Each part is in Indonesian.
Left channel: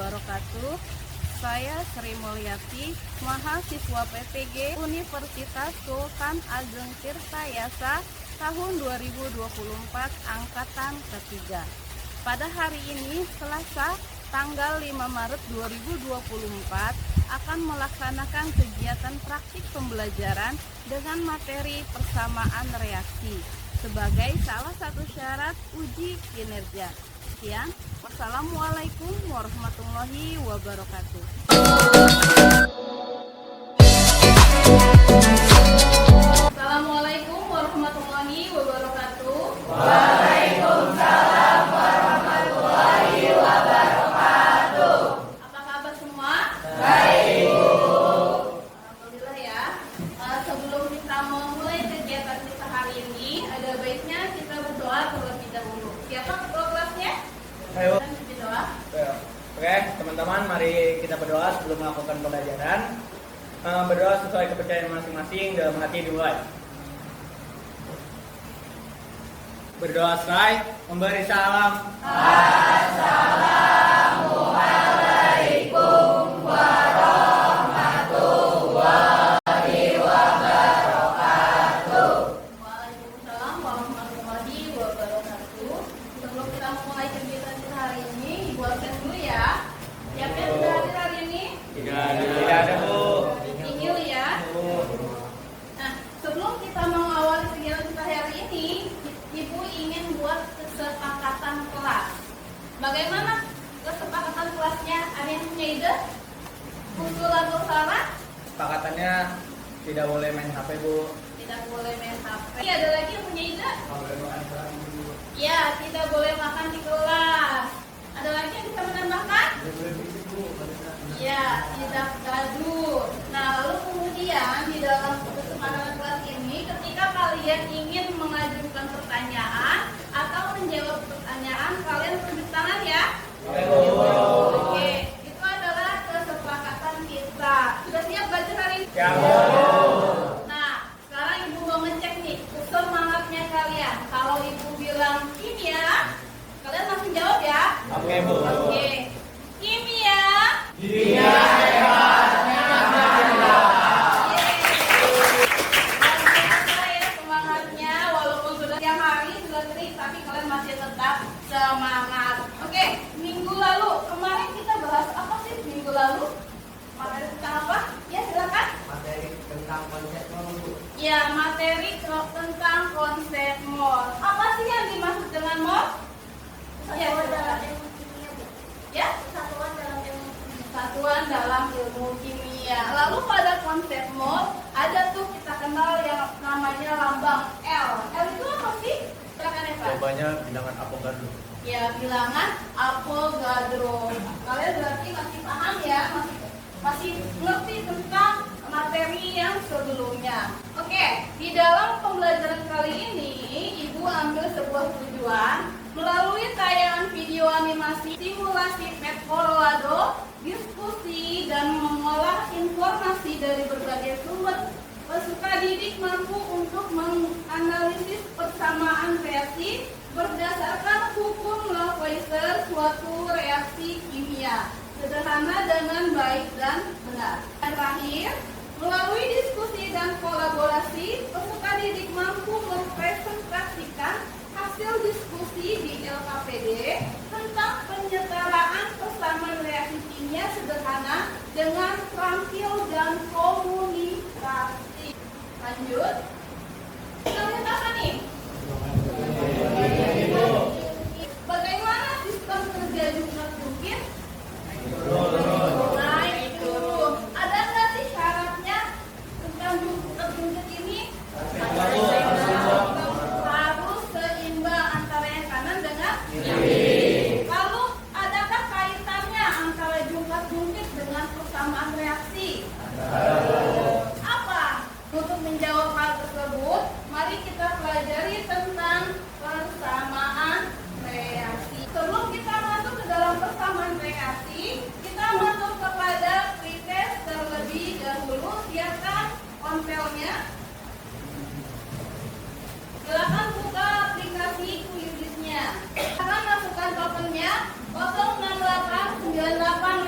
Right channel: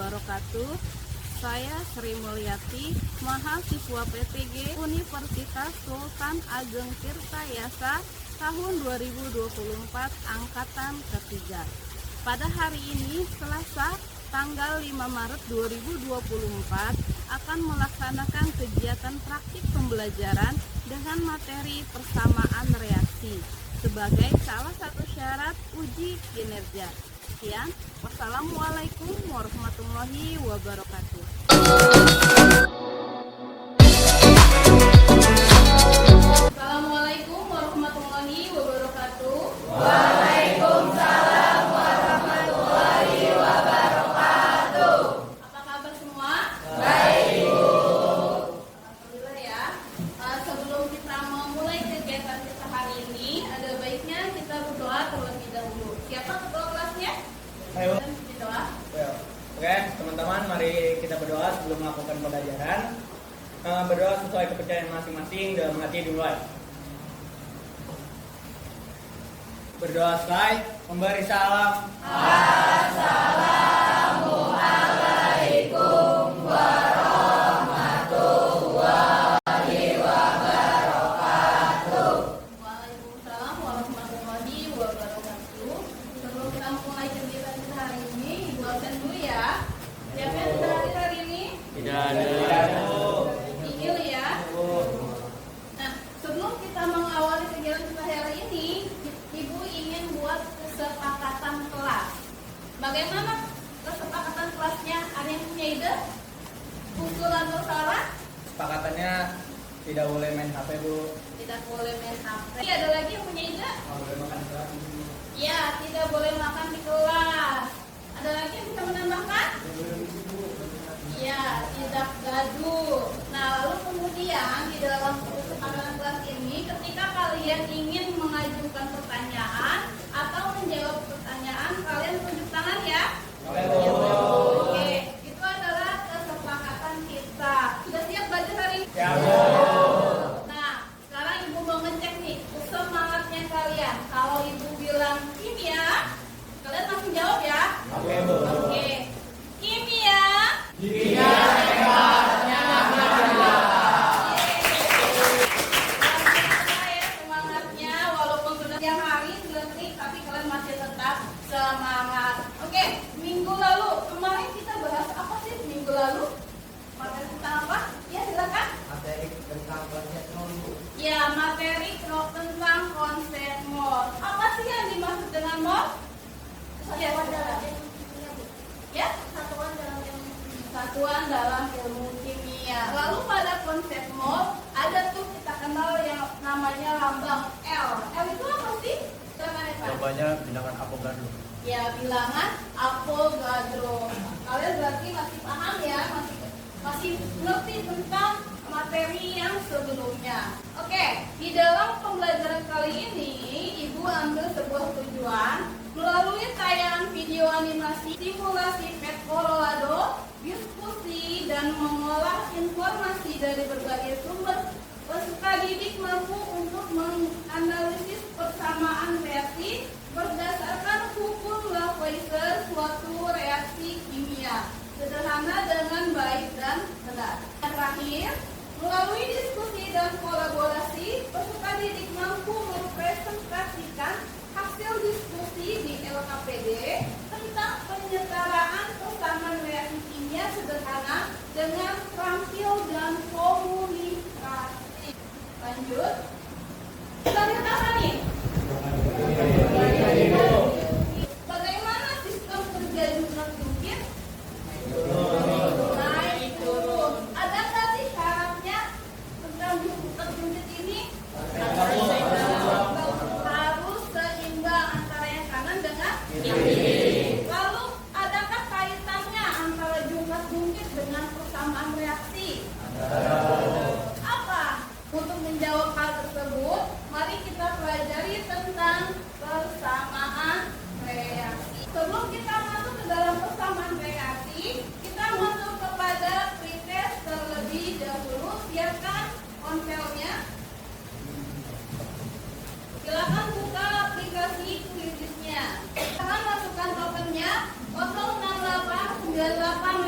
wabarakatuh. Saya Sri Mulyati, mahasiswa PPG Universitas Sultan Ageng Tirtayasa tahun 2024 angkatan ketiga. Pada hari ini, Selasa, tanggal 5 Maret 2024 akan melaksanakan kegiatan praktik pembelajaran dengan materi persamaan reaksi sebagai salah satu syarat uji kinerja. Sekian, wassalamualaikum warahmatullahi wabarakatuh. Assalamualaikum warahmatullahi wabarakatuh. Waalaikumsalam warahmatullahi wabarakatuh. Apa kabar semua? Baik, Bu. Alhamdulillah ya. Sebelum kita memulai kegiatan kita hari ini, ada baiknya kita berdoa terlebih dahulu. Siapa ketua kelasnya? Ayo. Berdoa. Oke, teman-teman, mari kita berdoa sebelum melakukan pembelajaran. Berdoa sesuai kepercayaan masing-masing, dalam hati dimulai. Berdoa selesai, memberi salam. Assalamualaikum warahmatullahi wabarakatuh. Waalaikumsalam warahmatullahi wabarakatuh. Sebelum kita mulai kegiatan kita hari ini, Ibu absen dulu ya. Siapa yang sudah hadir hari ini? Tidak ada, Bu. Tinggal ya. Nah, sebelum kita mengawali kegiatan kita hari ini, Ibu ingin buat kesepakatan kelas. Bagaimana kesepakatan kelasnya? Ada yang punya ide? Usul atau saran? Sepakatannya tidak boleh main HP, Bu. Tidak boleh main HP. Ada lagi yang punya ide? Ya, tidak boleh makan di kelas. Ada lagi yang bisa menambahkan? Ya, tidak gaduh. Nah, lalu kemudian di dalam kesepakatan kelas ini, ketika kalian ingin mengajukan pertanyaan atau menjawab pertanyaan, kalian tunjuk tangan ya. Oke, itu adalah kesepakatan kita. Sudah siap belajar hari ini? Ya, Nah, sekarang Ibu mau ngecek nih semangatnya kalian. Kalau Ibu bilang kimia, kalian langsung jawab ya. Oke, Bu. Oke, kimia. Dia hebatnya Semangatnya, walaupun sudah siang hari, sudah terik, tapi kalian masih tetap semangat. Oke, minggu lalu, kemarin kita bahas apa sih minggu lalu? Materi tentang apa? Ya, silakan. materi tentang konsep mulu. Ya, materi tentang konsep mol. Apa sih yang dimaksud dengan mol? Satuan dalam ilmu kimia, Bu. Ya, Satuan dalam ilmu kimia. satuan dalam ilmu kimia. Lalu pada konsep mol ada tuh kita kenal yang namanya lambang L. L itu apa sih? Silakan Eva. Jawabannya bilangan Avogadro. Ya, bilangan Avogadro. Kalian berarti masih paham ya, masih ngerti tentang materi yang sebelumnya. Oke, di dalam pembelajaran kali ini, Ibu ambil sebuah tujuan melalui tayangan video animasi, simulasi pet Colorado, diskusi dan mengolah informasi dari berbagai sumber. Peserta didik mampu untuk menganalisis persamaan reaksi berdasarkan hukum Lavoisier suatu reaksi kimia, sederhana dengan baik dan benar. Dan terakhir, melalui diskusi dan kolaborasi, peserta didik mampu mempresentasikan hasil diskusi di LKPD tentang penyetaraan persamaan reaksi kimia sederhana dengan terampil dan komunikasi. Lanjut. Kita lihat apa nih? Bagaimana sistem kerja jungkir jungkir? Naik turun. Ada nggak sih syaratnya tentang jungkir jungkir ini? Harus seimbang antara yang kanan dengan kiri. Lalu adakah kaitannya antara jungkir jungkir dengan persamaan reaksi? Apa? Untuk menjawab hal tersebut, mari kita pelajari tentang persamaan reaksi. Sebelum kita masuk ke dalam persamaan reaksi, kita masuk kepada pretest terlebih dahulu. Siapkan ponselnya. Silakan buka aplikasi Quiziznya. Akan masukkan tokennya 06898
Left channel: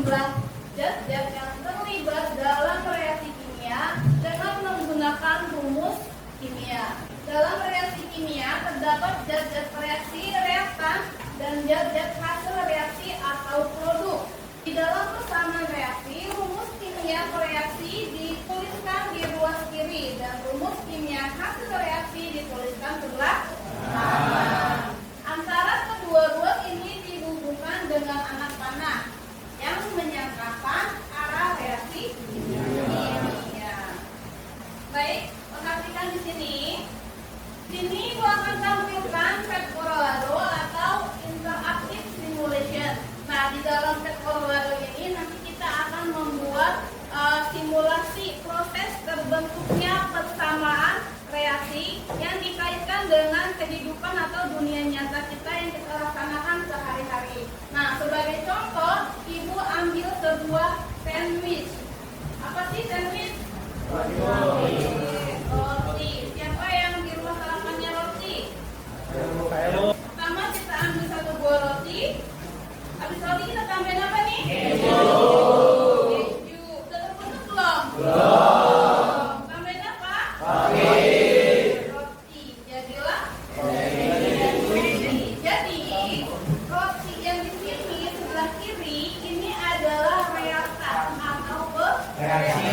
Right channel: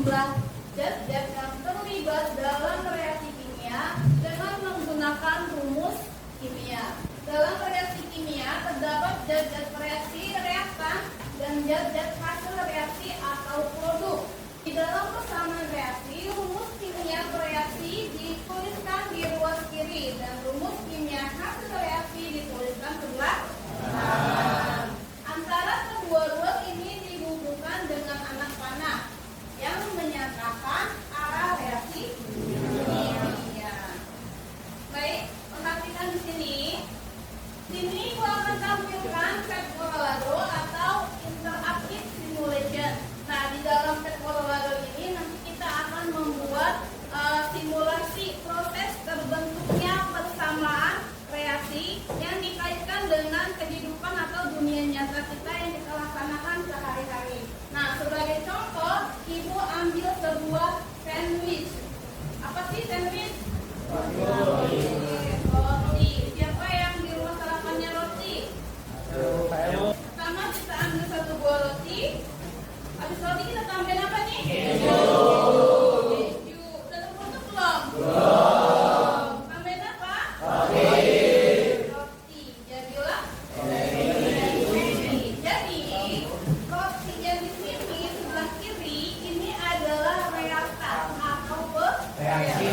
jumlah zat-zat yang terlibat dalam reaksi kimia dengan menggunakan rumus kimia. Dalam reaksi kimia terdapat zat-zat reaksi reaktan dan zat-zat hasil reaksi atau produk. Di dalam persamaan reaksi, rumus kimia reaksi dituliskan di ruas kiri dan rumus kimia hasil reaksi dituliskan sebelah kanan. Antara kedua ruas ini dihubungkan dengan anak panah yang menyatakan arah reaksi kimia. Baik, perhatikan di sini. Sini gua akan tampilkan Pet Colorado atau interactive simulation. Nah, di dalam Pet Colorado ini nanti kita akan membuat simulasi proses terbentuknya persamaan reaksi yang dikaitkan dengan kehidupan atau dunia nyata kita yang kita laksanakan sehari-hari. Nah, sebagai contoh, Ibu ambil sebuah sandwich. Apa sih sandwich? Roti. Siapa yang di rumah sarapannya roti? Pertama kita ambil satu buah roti. Habis roti kita tambahin apa nih? Keju. Sudah terbentuk belum? Belum. Tambahin apa? Roti. Jadilah roti. Jadi roti yang di sini sebelah kiri ini adalah reaktan atau reaksi.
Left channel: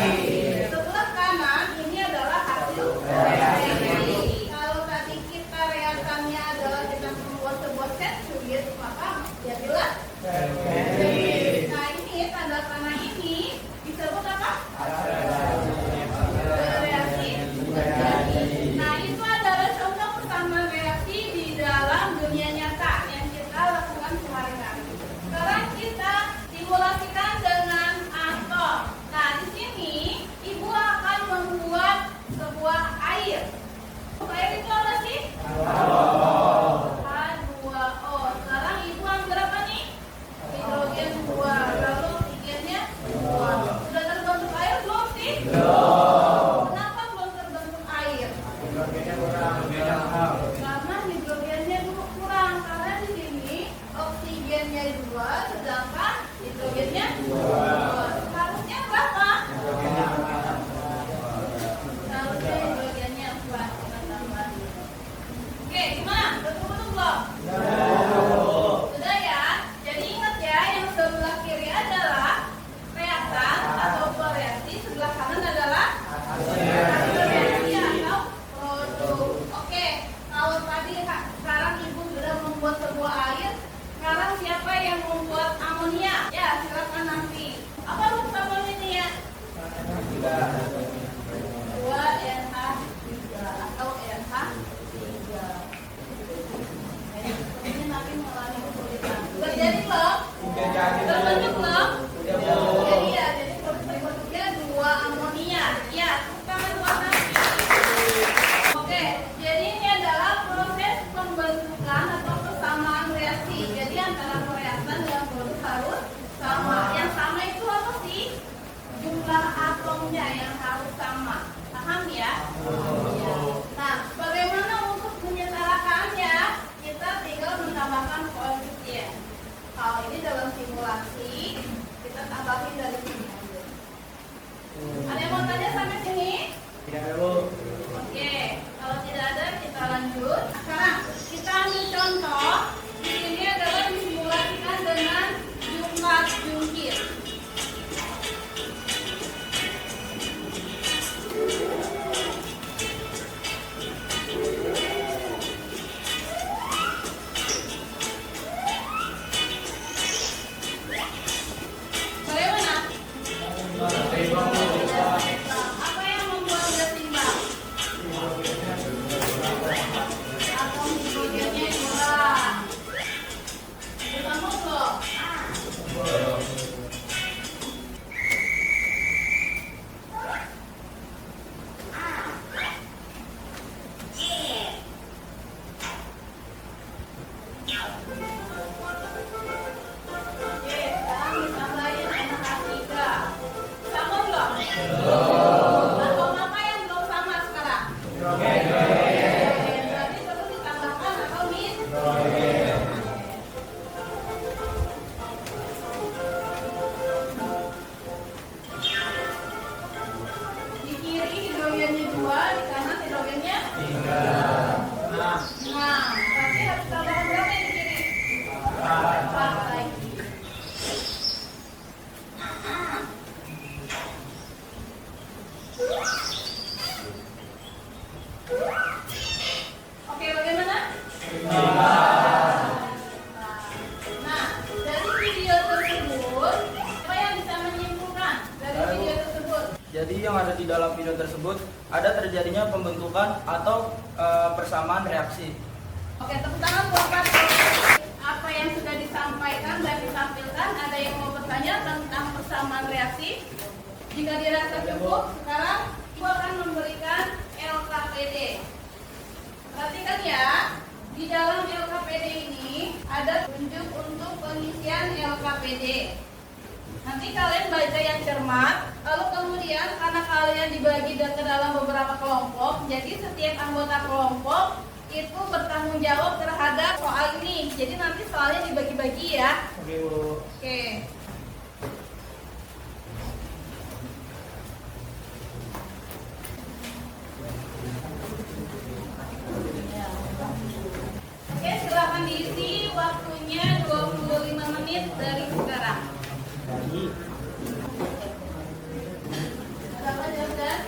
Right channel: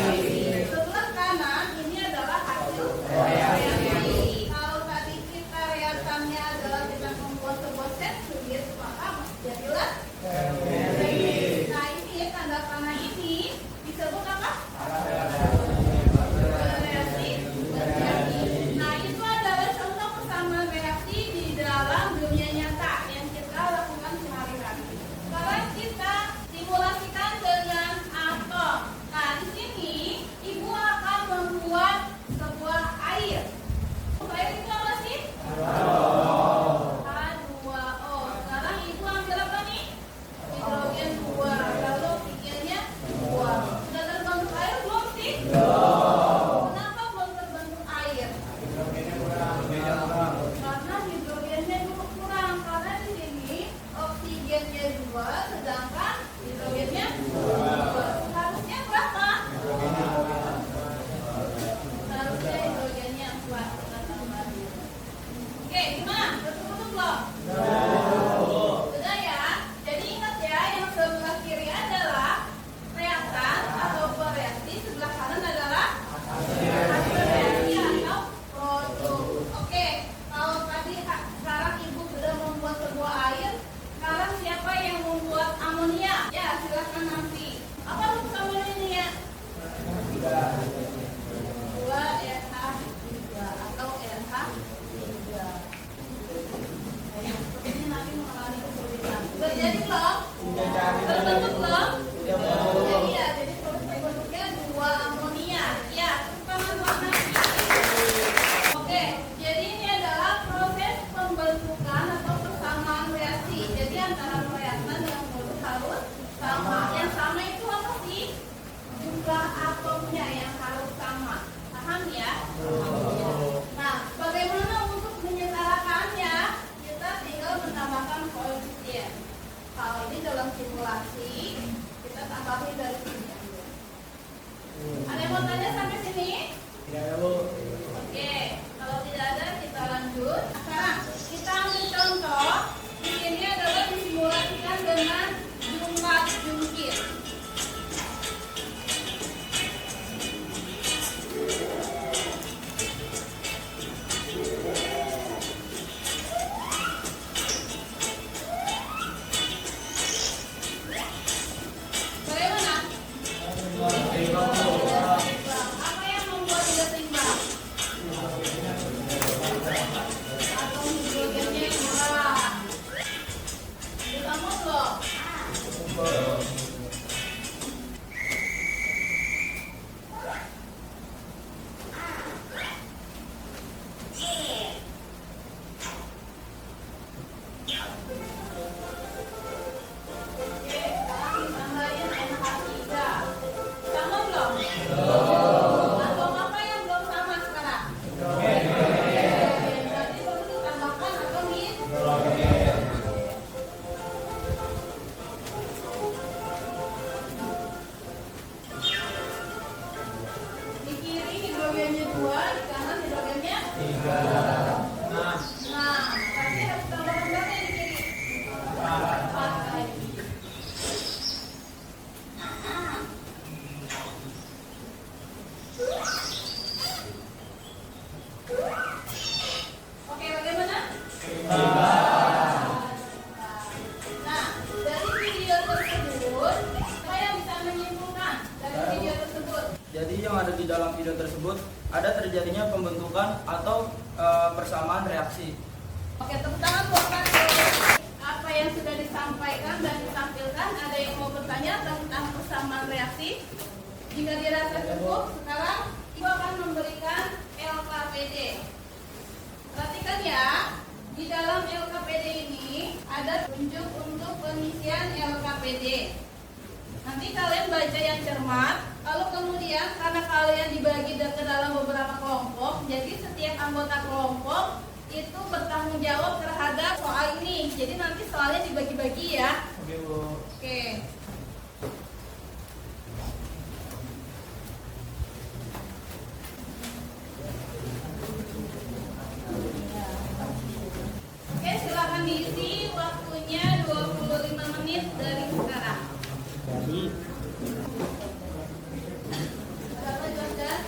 Sebelah kanan tersebut ada terjadinya pembentukan atau persamaan reaksi. Oke, tepuk tangan buat Pato. Apa yang sudah disampaikan dan ditampilkan, ada yang mau bertanya tentang persamaan reaksi? Jika dirasa cukup, sekarang Ibu akan memberikan LKPD. Perhatikan ya, di dalam LKPD ini ada tunjuk untuk pengisian LKPD. Nanti kalian baca yang cermat, lalu kemudian karena kalian dibagi ke dalam beberapa kelompok, jadi setiap anggota kelompok itu bertanggung jawab terhadap soal ini. Jadi nanti soalnya dibagi-bagi ya. Oke. Oke, silakan diisi, waktunya 25 menit dari sekarang. Silakan Jordan.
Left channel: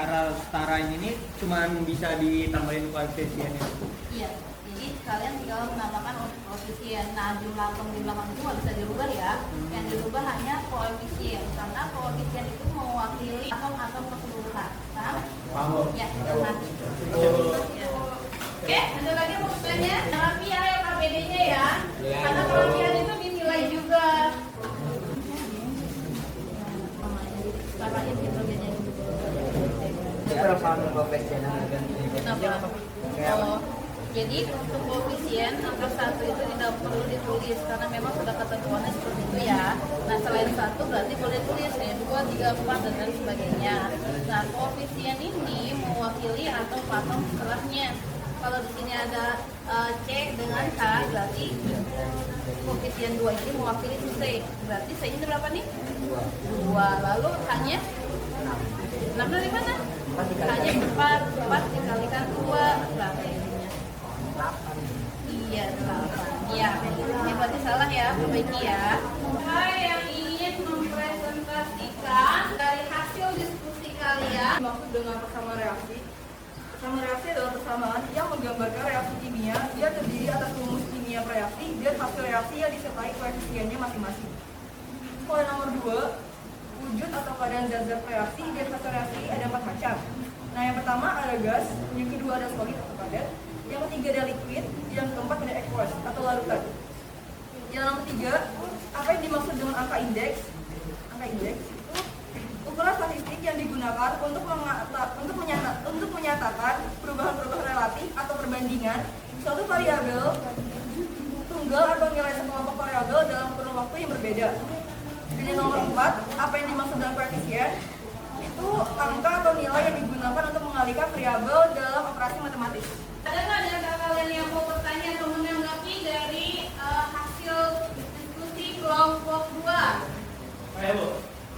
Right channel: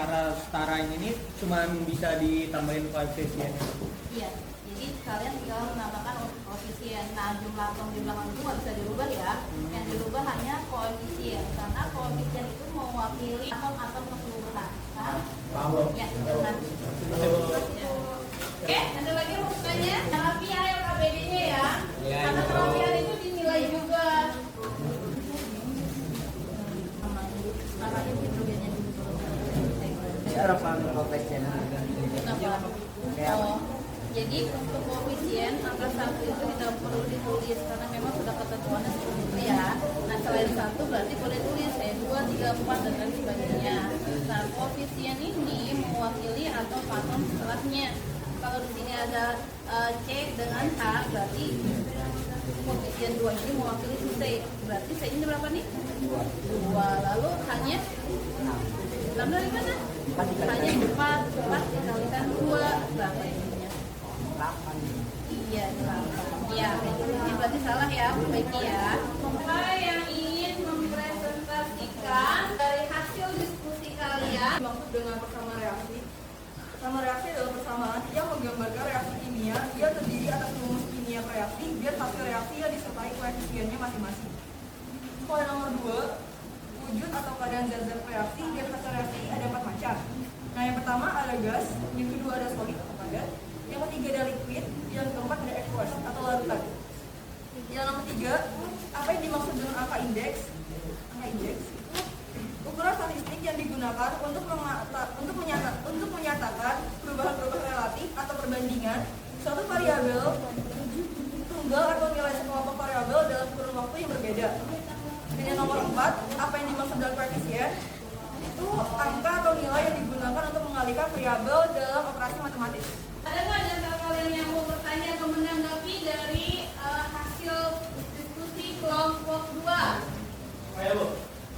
Cara setara ini cuma bisa ditambahin koefisiennya. Iya, jadi kalian tinggal menambahkan koefisien. Nah, jumlah atom di belakang itu nggak bisa dirubah ya. Yang dirubah hanya koefisien, karena koefisien itu mewakili atom-atom keseluruhan. Paham? Ya, benar. Oke, ada lagi yang mau bertanya? Kerapian ya KPD-nya ya. Karena kerapian itu dinilai juga. Parain hidrogennya dulu. Kenapa? Oh, jadi untuk koefisien angka 1 itu tidak perlu ditulis karena memang sudah ketentuannya seperti itu ya. Nah, selain 1 berarti boleh tulis 2, 3, 4 dan lain sebagainya. Nah, koefisien ini mewakili atom-atom setelahnya. Kalau di sini ada C dengan K, berarti koefisien 2 ini mewakili C. Berarti C ini berapa nih? 2. Lalu K-nya 6 dari mana? K-nya 4 dikalikan 2 berapa ininya? 8. Iya, 8. Iya, ini berarti salah ya, perbaiki ya. Saya yang ingin mempresentasikan dari hasil diskusi kalian. Maksud dengan persamaan reaksi. Persamaan reaksi adalah persamaan yang menggambarkan reaksi kimia. Dia terdiri atas rumus kimia reaksi dan hasil reaksi yang disertai koefisiennya masing-masing. Kalau nomor 2, wujud atau keadaan zat-zat reaksi dan hasil reaksi ada 4 macam. Nah, yang pertama ada gas, yang kedua ada solid atau padat, yang ketiga ada liquid, yang keempat ada aqueous atau larutan. Yang nomor 3, apa yang dimaksud dengan angka indeks? Angka indeks itu ukuran statistik yang digunakan untuk menyatakan perubahan-perubahan relatif atau perbandingan suatu variabel tunggal atau nilai sekelompok variabel dalam kurun waktu yang berbeda. Dan yang nomor 4, apa yang dimaksud dengan koefisien? Itu angka atau nilai yang digunakan untuk mengalihkan variabel dalam operasi matematis. Ada nggak di antara kalian yang mau bertanya atau menanggapi dari hasil diskusi kelompok 2? Ayo Bu,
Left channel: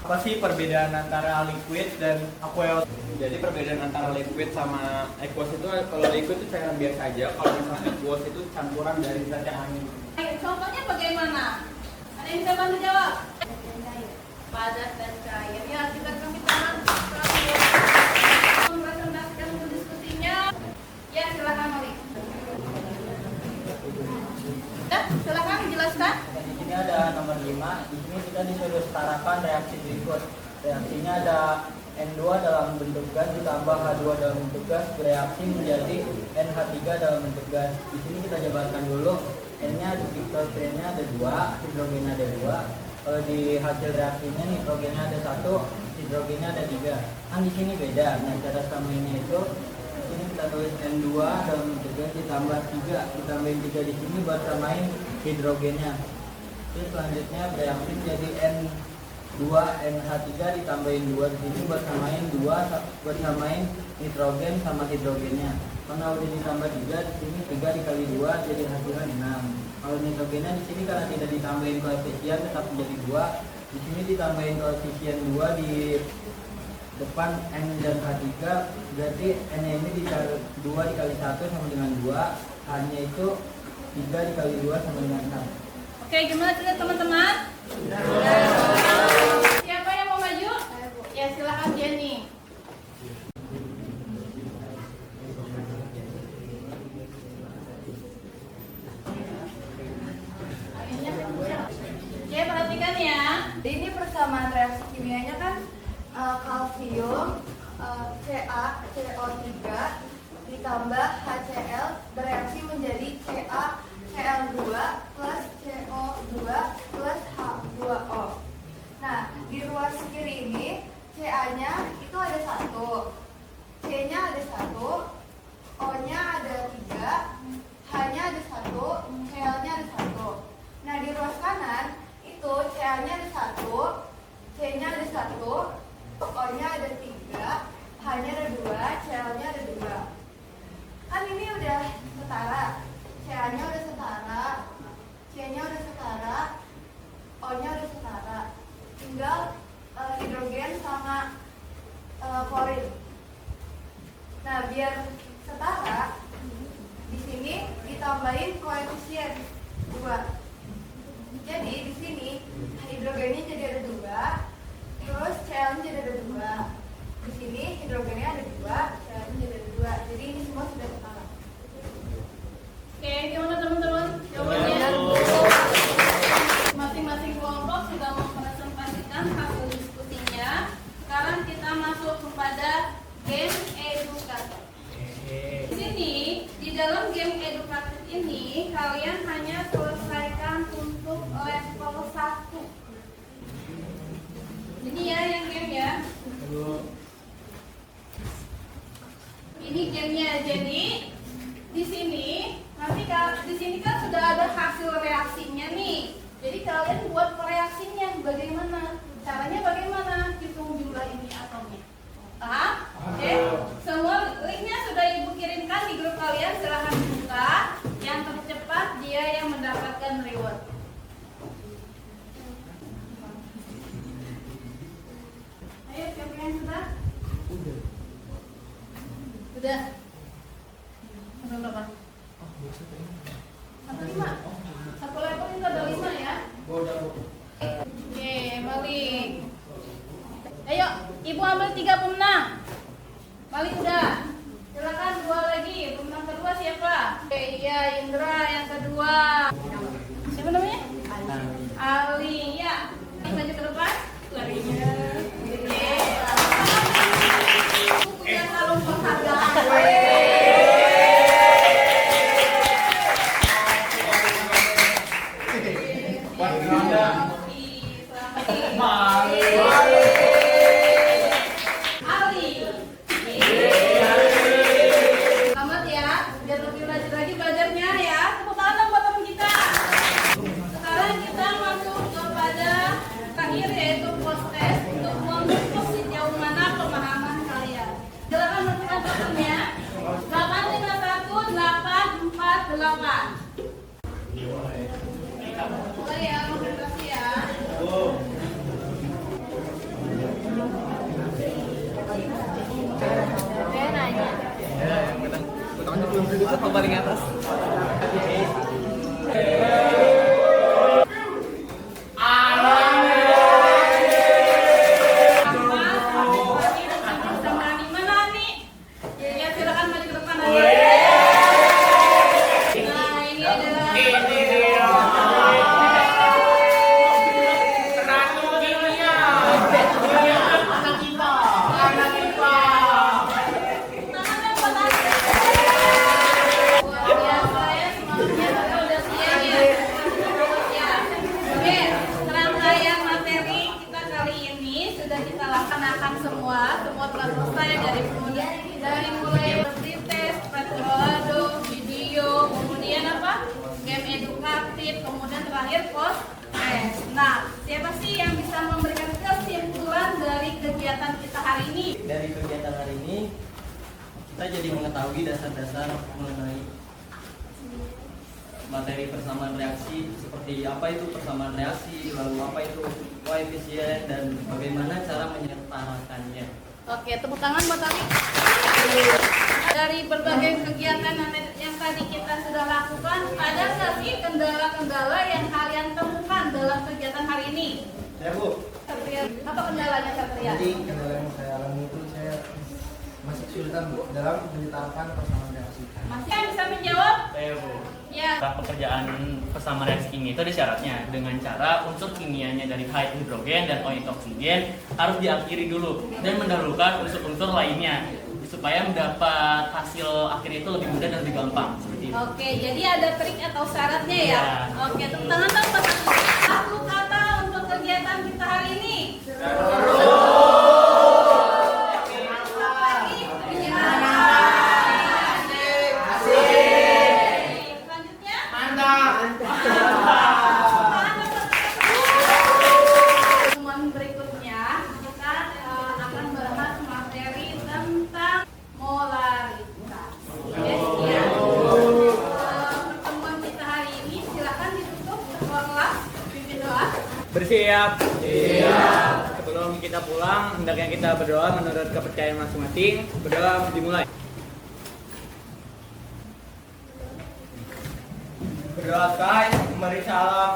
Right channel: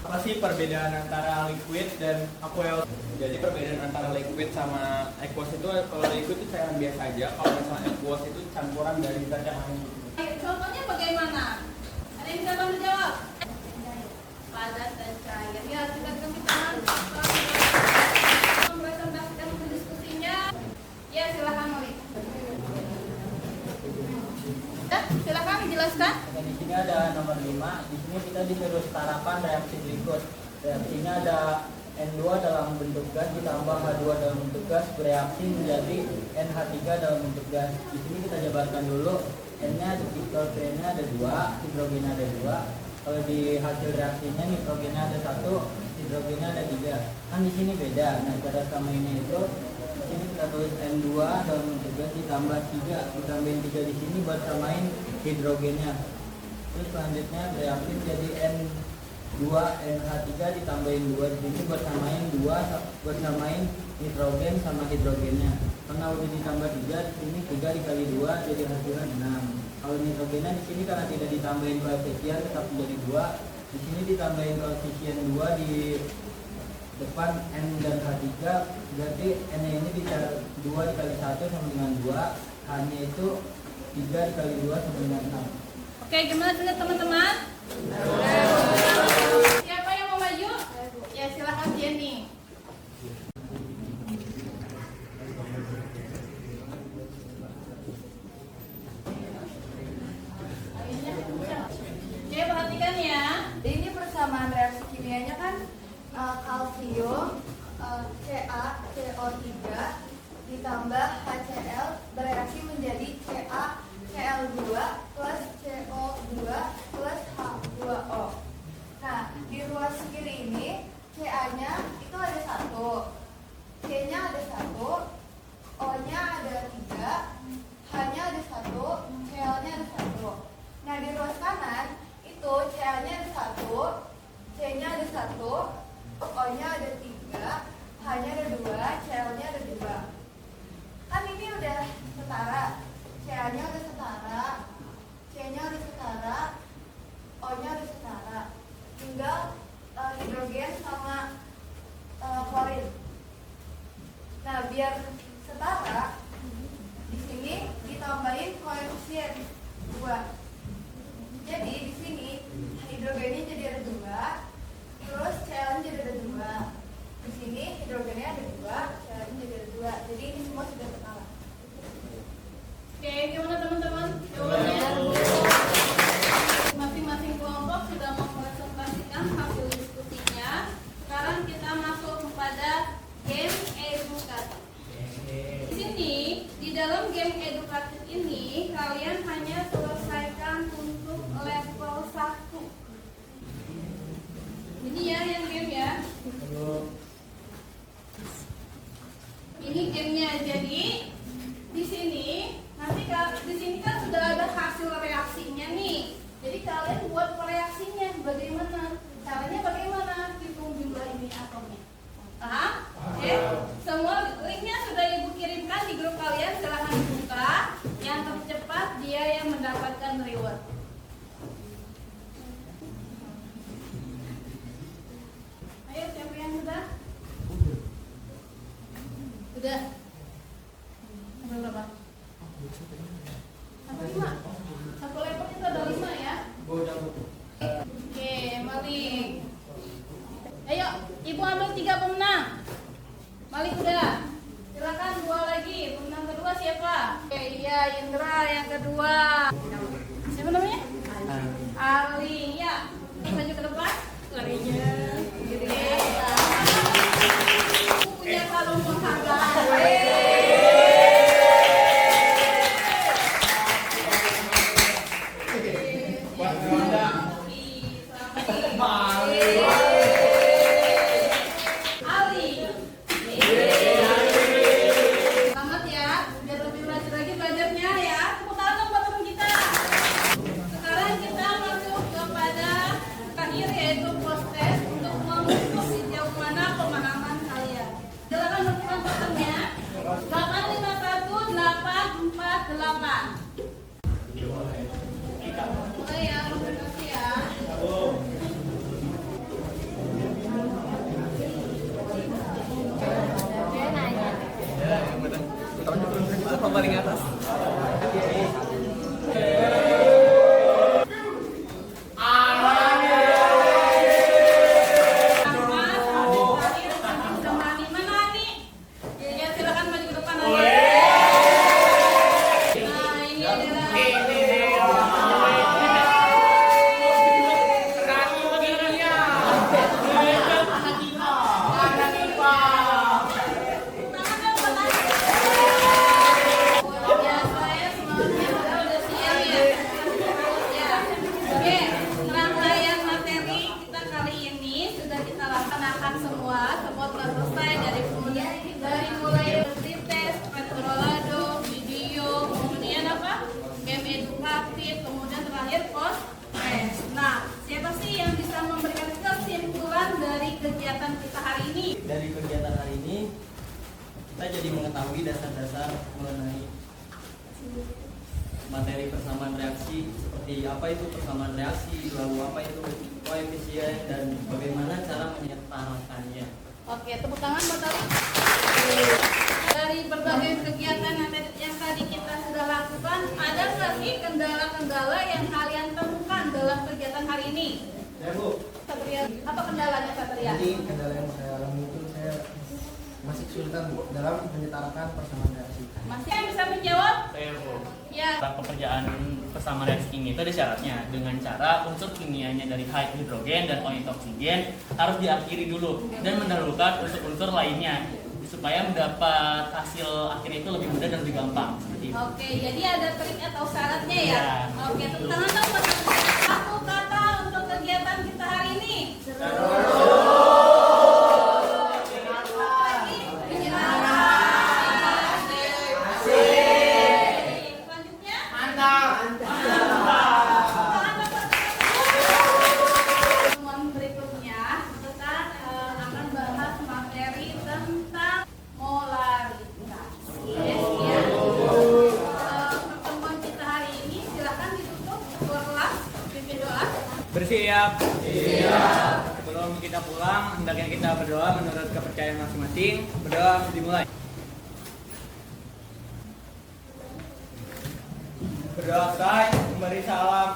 apa sih perbedaan antara liquid dan aqueous? Jadi perbedaan antara liquid sama aqueous itu, kalau liquid itu cairan biasa aja, kalau misalnya aqueous itu campuran dari zat yang lain. Contohnya bagaimana? Ada yang bisa bantu jawab? Padat dan cair. Ya, kita kasih tangan. Mempresentasikan untuk diskusinya. Ya, silakan Mari. Ya, silakan jelaskan. Di sini ada nomor 5. Di sini kita disuruh setarakan reaksi berikut. Reaksinya ada N2 dalam bentuk gas ditambah H2 dalam bentuk gas bereaksi menjadi NH3 dalam bentuk gas. Di sini kita jabarkan dulu. N-nya ada nitrogennya ada 2, hidrogennya ada 2. Kalau di hasil reaksinya nitrogennya ada 1, hidrogennya ada 3. Kan di sini beda. Nah, cara samainnya itu di sini kita tulis N2 dalam bentuk gas ditambah 3, ditambahin 3 di sini buat samain hidrogennya. Terus selanjutnya bereaksi menjadi N2 NH3 ditambahin 2 di sini buat samain 2 buat samain nitrogen sama hidrogennya. Karena udah ditambah 3 di sini 3 dikali 2 jadi hasilnya 6. Kalau nitrogennya di sini karena tidak ditambahin koefisien tetap menjadi 2. Di sini ditambahin koefisien 2 di depan N dan H3, berarti N ini 2 dikali 1 sama dengan 2, H-nya itu 3 dikali 2 sama dengan 6. Oke, gimana sudah teman-teman? Siapa yang mau maju? Ya, silakan Jenny. Ya, perhatikan ya. Ini persamaan reaksi kimianya kan kalsium, CaCO3 ditambah HCl bereaksi menjadi CaCl2 plus CO2 plus H2O. Nah, di ruas kiri ini Ca-nya itu ada 1, C-nya ada 1, O-nya ada 3, H-nya ada 1, Cl-nya ada 1. Nah, di ruas kanan itu Ca-nya ada 1, C-nya ada 1, O-nya ada 3, H-nya ada 2, Cl-nya ada 2. Kan ini udah setara, Ca-nya udah setara, C-nya udah setara, O-nya udah setara. Tinggal hidrogen sama klorin. Nah, biar setara, di sini ditambahin koefisien 2. Jadi di sini hidrogennya jadi ada 2, terus Cl-nya jadi ada 2. Di sini hidrogennya ada 2, Cl-nya jadi ada 2. Jadi ini semua sudah setara. Oke, gimana teman-teman? Jawabannya? Masing-masing kelompok sudah mempresentasikan hasil diskusinya. Sekarang kita masuk kepada game edukatif. Di sini, di dalam game edukatif ini, kalian hanya selesaikan untuk level 1. Ini ya yang game ya. Ini gamenya. Jadi di sini nanti di sini kan sudah ada hasil reaksinya nih. Jadi kalian buat reaksinya bagaimana? Caranya bagaimana? Hitung jumlah ini atomnya. Paham? Oke. Semua linknya sudah ibu kirimkan di grup kalian. Silahkan buka. Yang tercepat dia yang mendapatkan reward. Ayo, siapa yang sudah? Sudah. Sampai berapa? Sampai 5. Satu level itu ada 5 ya. Oke, Malik. Ayo, ibu ambil 3 pemenang. Malik udah. Silakan 2 lagi. Pemenang kedua siapa? Oke, iya Indra yang kedua. Siapa namanya? Ali. Ya. Maju ke depan. Larinya. Oke. Punya kalung penghargaan. Selamat ya, udah lebih maju lagi belajarnya ya. Tepuk tangan dong buat teman kita. Sekarang kita masuk kepada terakhir yaitu post test untuk mengukur sejauh mana pemahaman kalian. Silakan menentukan patternnya 851-848. Mulai ya, konsentrasi ya. Apa paling atas? Mana nih? Ya silakan maju ke depan. Nah, ini adalah semua telah selesai dari mulai tes, petrolado, video, kemudian apa? Game edukatif, kemudian terakhir post test. Nah, siapa sih yang bisa memberikan kesimpulan dari kegiatan kita hari ini? Dari kegiatan hari ini kita jadi mengetahui dasar-dasar mengenai materi persamaan reaksi, seperti apa itu persamaan reaksi, lalu apa itu koefisien, dan bagaimana cara menyetarakannya. Oke, tepuk tangan buat Ali. Dari berbagai kegiatan yang tadi kita sudah lakukan, ada nggak sih kendala-kendala yang kalian temukan dalam kegiatan hari ini? Ya Bu. Satria, apa kendalanya Satria? Jadi kendala yang saya alami itu saya masih kesulitan Bu dalam menyetarakan persamaan reaksi. Masih yang bisa menjawab? Saya Bu. Ya, Pekerjaan persamaan reaksi kimia itu ada syaratnya dengan cara unsur kimianya dari hidrogen dan O oksigen harus diakhiri dulu dan mendahulukan unsur-unsur lainnya supaya mendapat hasil akhirnya itu lebih mudah dan lebih gampang seperti itu. Oke, jadi ada trik atau syaratnya ya? Iya. Oke, teman-teman tahu satu kata untuk kegiatan kita hari ini. Selanjutnya? Pertemuan berikutnya kita akan bahas materi tentang molaritas. Oke, ya. Pertemuan kita hari ini silakan ditutup ketua kelas pimpin doa. Bersiap. Sebelum kita pulang, hendaknya kita berdoa menurut kepercayaan masing-masing. Berdoa dimulai. Berdoa, memberi salam.